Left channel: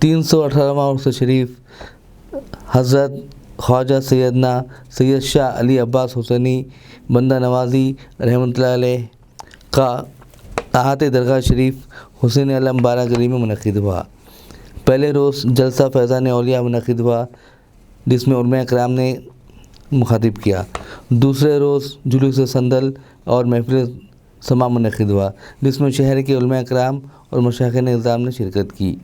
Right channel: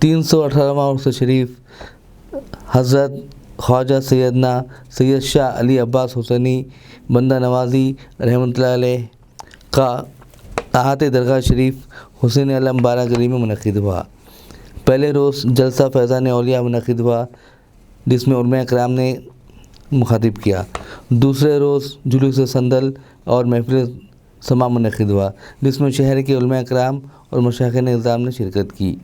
318वां उर्स शरीफ हज़रत ख्वाजा सैयदना सैयद शाह अली अब्बास हुसैनी बंदा नवाज़ी रहमतुल्लाह अलैह का आहत दरगाह शरीफ हुसैन आलम बारा गली में मुनक़िद हुआ। पहले रोज़ जलसा फैज़ान औलिया मुनक़िद हुआ जिसमें उलमा कराम ने मुखातिब किया। दूसरे रोज़ जुलूस संदल और महफिल समा मुनक़िद हुआ जिसमें शहर के उलमा कराम और मशाइख़ निज़ाम ने शिरकत की।